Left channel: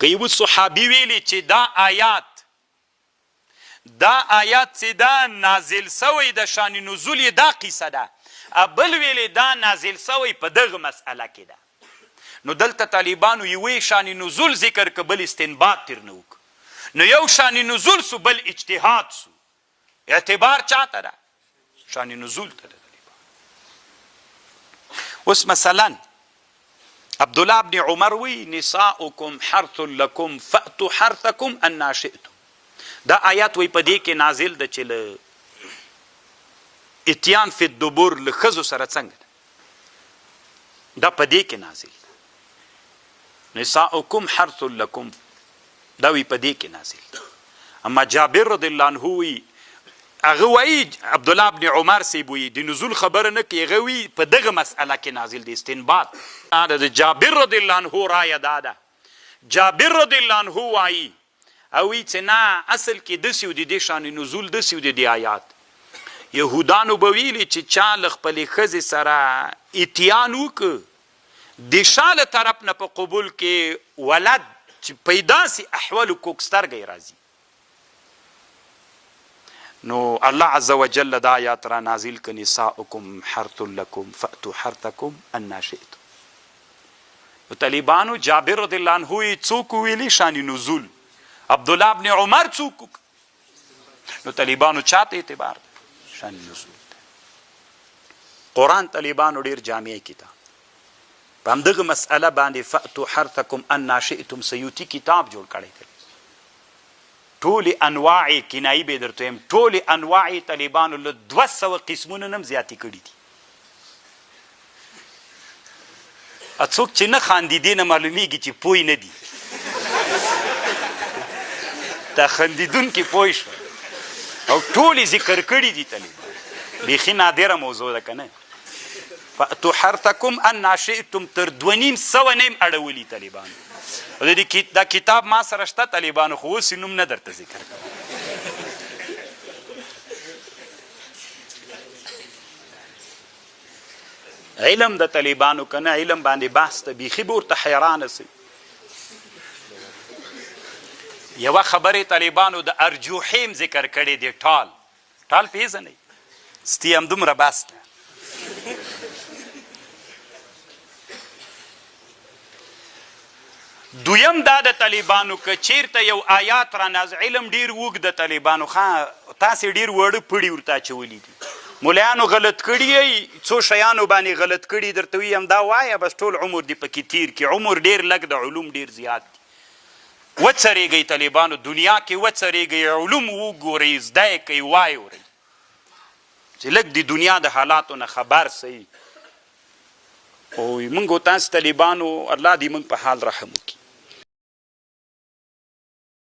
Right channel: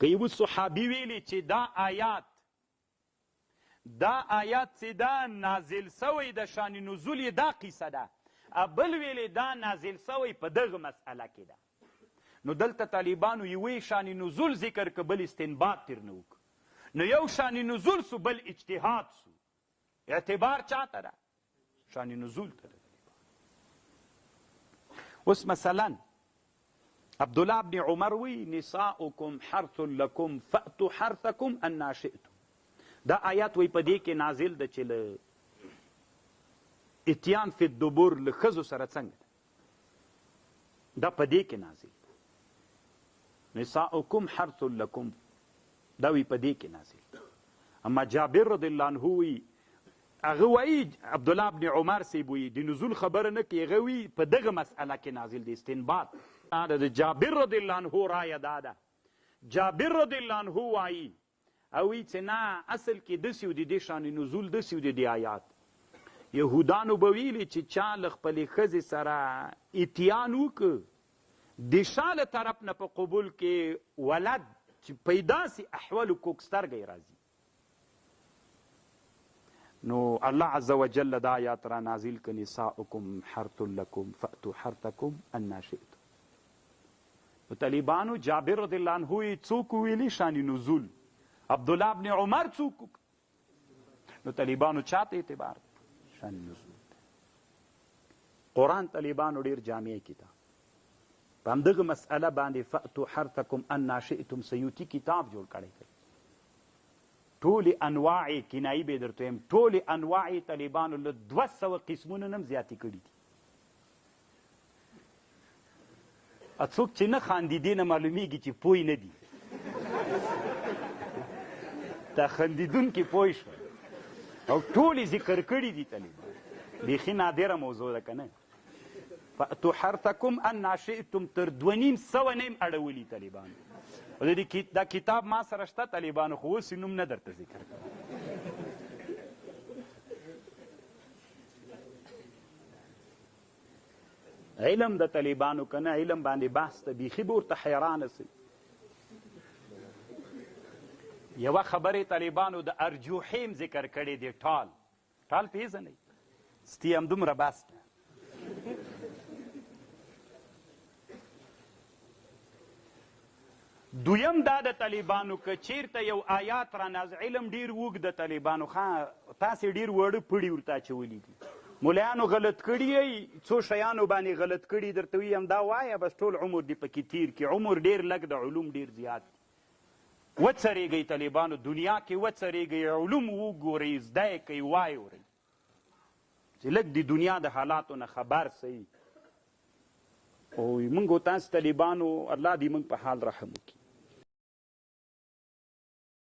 که یو صحابي ویلي چې دا آیات چې دا نازل سوی د شان نزول یې دا قیصه ده، بل ویلي دا نازل سوی په دغه مسئله کې ده. نو دلته طالبانو یوې شان نزول ذکر که بل استنباط ترنه وک، نو یو شان نزول سو بل اجتهاد سو. اعتبار چاته ده؟ شان نزول ته ده. اوس مثلا عبدالله ابن عمر وی نساؤکم حرث لکم فأتوا حرثکم انا شئتم. دا آیات وی په دې کې نازل ده چې له اتیان فی الدبر له ښځو سره څنګه ده، دا په دې کې نازل ده. نساؤکم حرث لکم دا وی په دې کې نازل ده. اما جابر رضی الله عنه وی هغه وایي عبدالله ابن عمر صاحب وایي د نزول خبره نه کوي، هغه وایي په دغه مسئله کې نازل دی استنباط. د جابر رضی الله عنه رایه دا ده. جابر رضی الله عنه وایي او وایي چې نه اصل کې داسې و د دې شان نزول داسې و د دې آیات. یهودانو به ویلي چې چا له خپلې ښځې سره اتیان وکړه د شا له طرف نه په قبول کې ولد چې پیدا سي احوالو کوکسترګی راځي. نو الله عز وجل دا آیات را نازل که نساؤکم حرث لکم فأتوا حرثکم انا شئتم. طالبانو جابر رضی الله عنه څوک ویلي شان نزول، عبدالله ابن عمر څوک؟ نو طالبانو چاته اعتبار ده؟ شان نزول ده. قرآن طالبانو ډیر جامع کتاب په همدغه مسئله باندې فأتوا حرثکم انا شئتم سیوطي کتاب جوړ کړی دی. ټولې انواع کنایي به درته وایم، ټولې انواع طالبانو له 200 قسمونه نه هم زیاتې کړي دي. څوک چې نه خاندي دې نه معلومیږي چې پوه نه دي. دا خندیدونکي پوه شو او ټولې ذکر کړي دي طالبان. بیخي نادره موضوع ده که نه؟ فأتوا حرثکم انا شئتم تر 250 نه هم اړولي طالبانو. دا کتاب ما سره شته طالبانو، خو اوس نوم نه درته ذکر کوم. علم د طالبانو که نه علم باندې بحث ته بیخي به ورته حیرانه سي. یوه خبرې طالبانو د ارجوحیم ذکر کړی دی. ټال پیژنئ؟ ستی همدومره بس ده. دویم دا د طالبانو که چیرته یو آیات را نازل، علم ډیر وږ د طالبانو، تاسې ډیر وړه پړي ورته اچولي دي. ملایانو غلط کړي یی، څو شیانو باندې غلط کړي درته وي همدا وایه بس ټول عمر دې پکې تیر کړي. عمر ډیر لږ د علوم ډیر زیات دي. وڅرېږئ طالبانو، دنیا کې وڅرېږئ، علوم وګورئ، زده یې کوئ، وایورئ چې لږ د دنیا د حالاتو نه خبر سئ. او موږ تاسو طالبانو الله دې موږ په حال رحم وکړي.